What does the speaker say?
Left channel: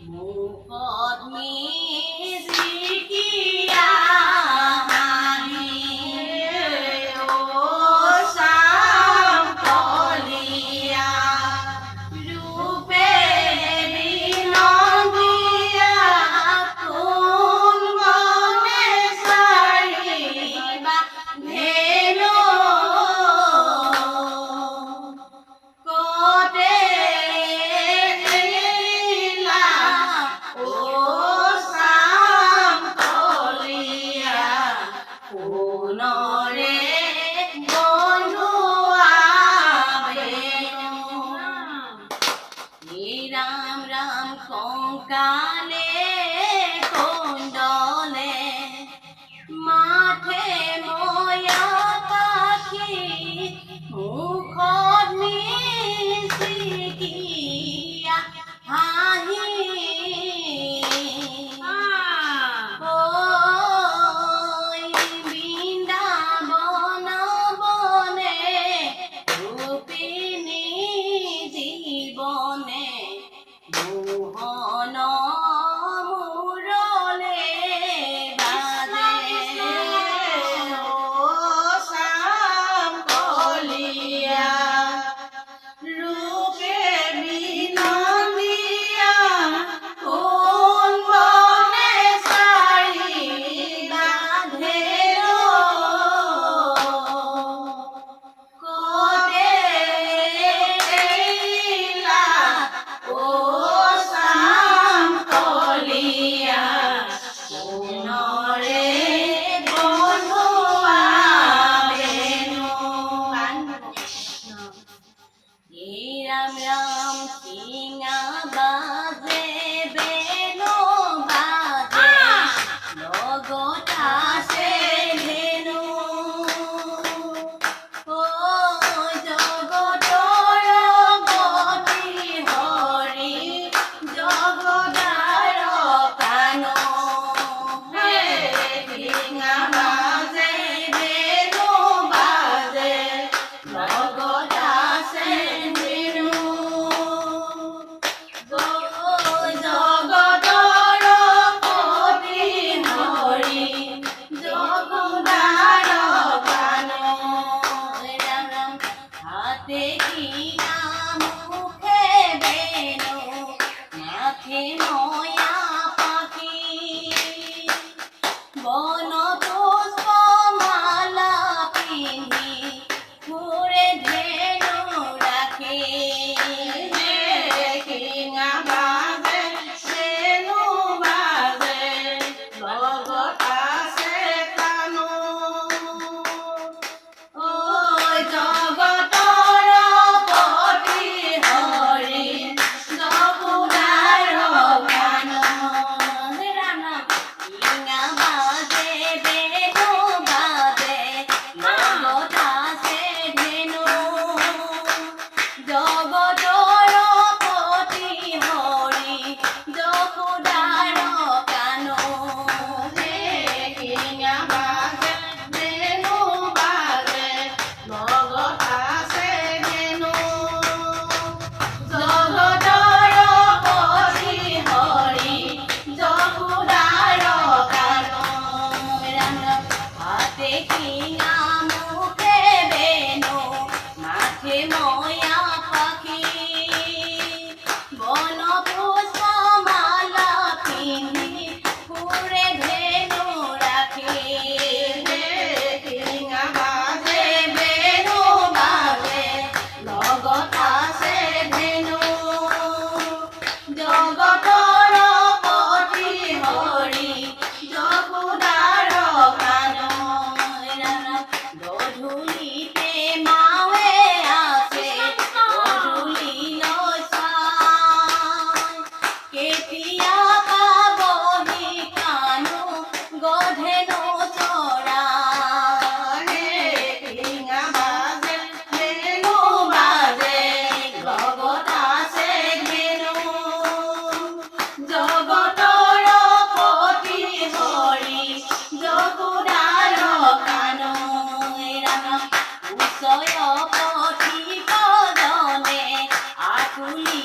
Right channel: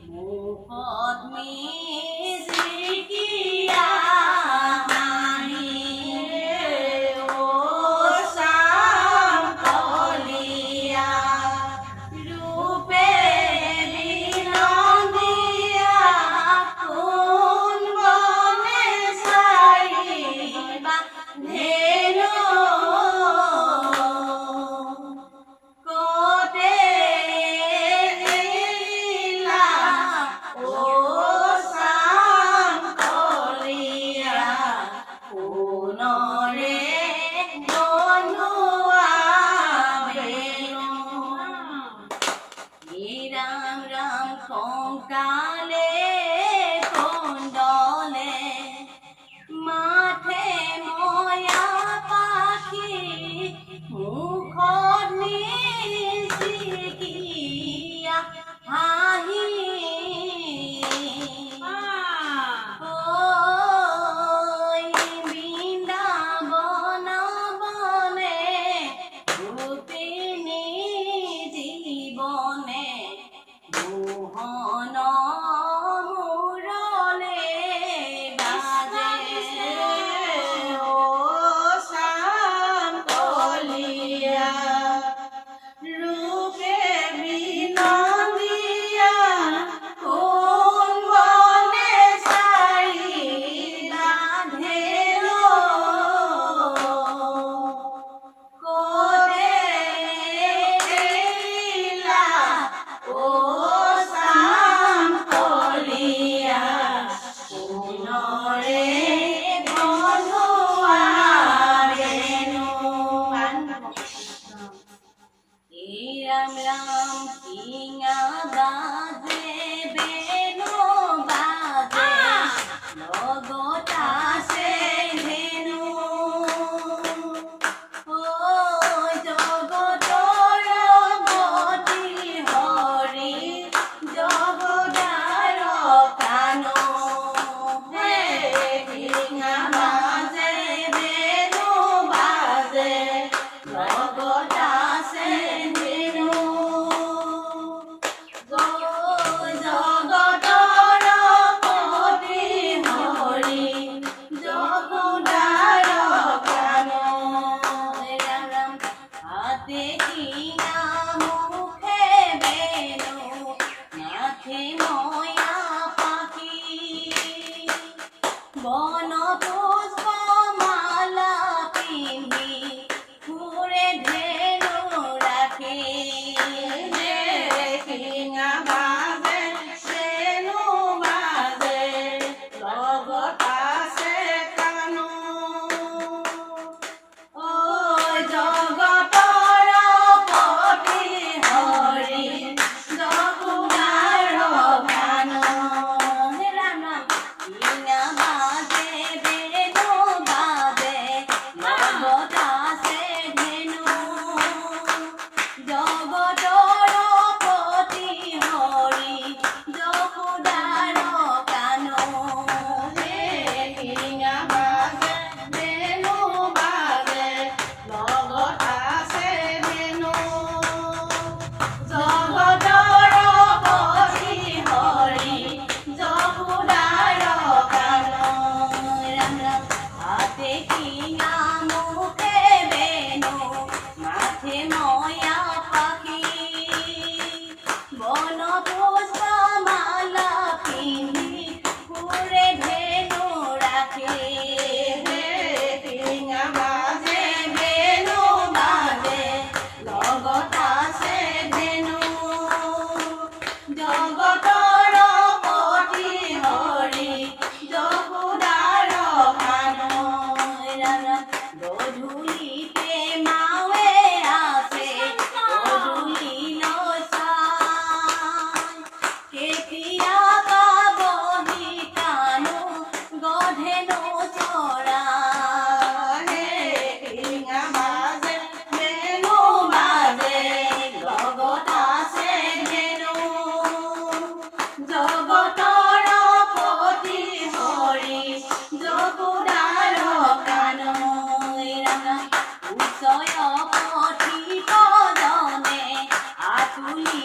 Mohini Ram Ram কঙ্কালে ばん。You.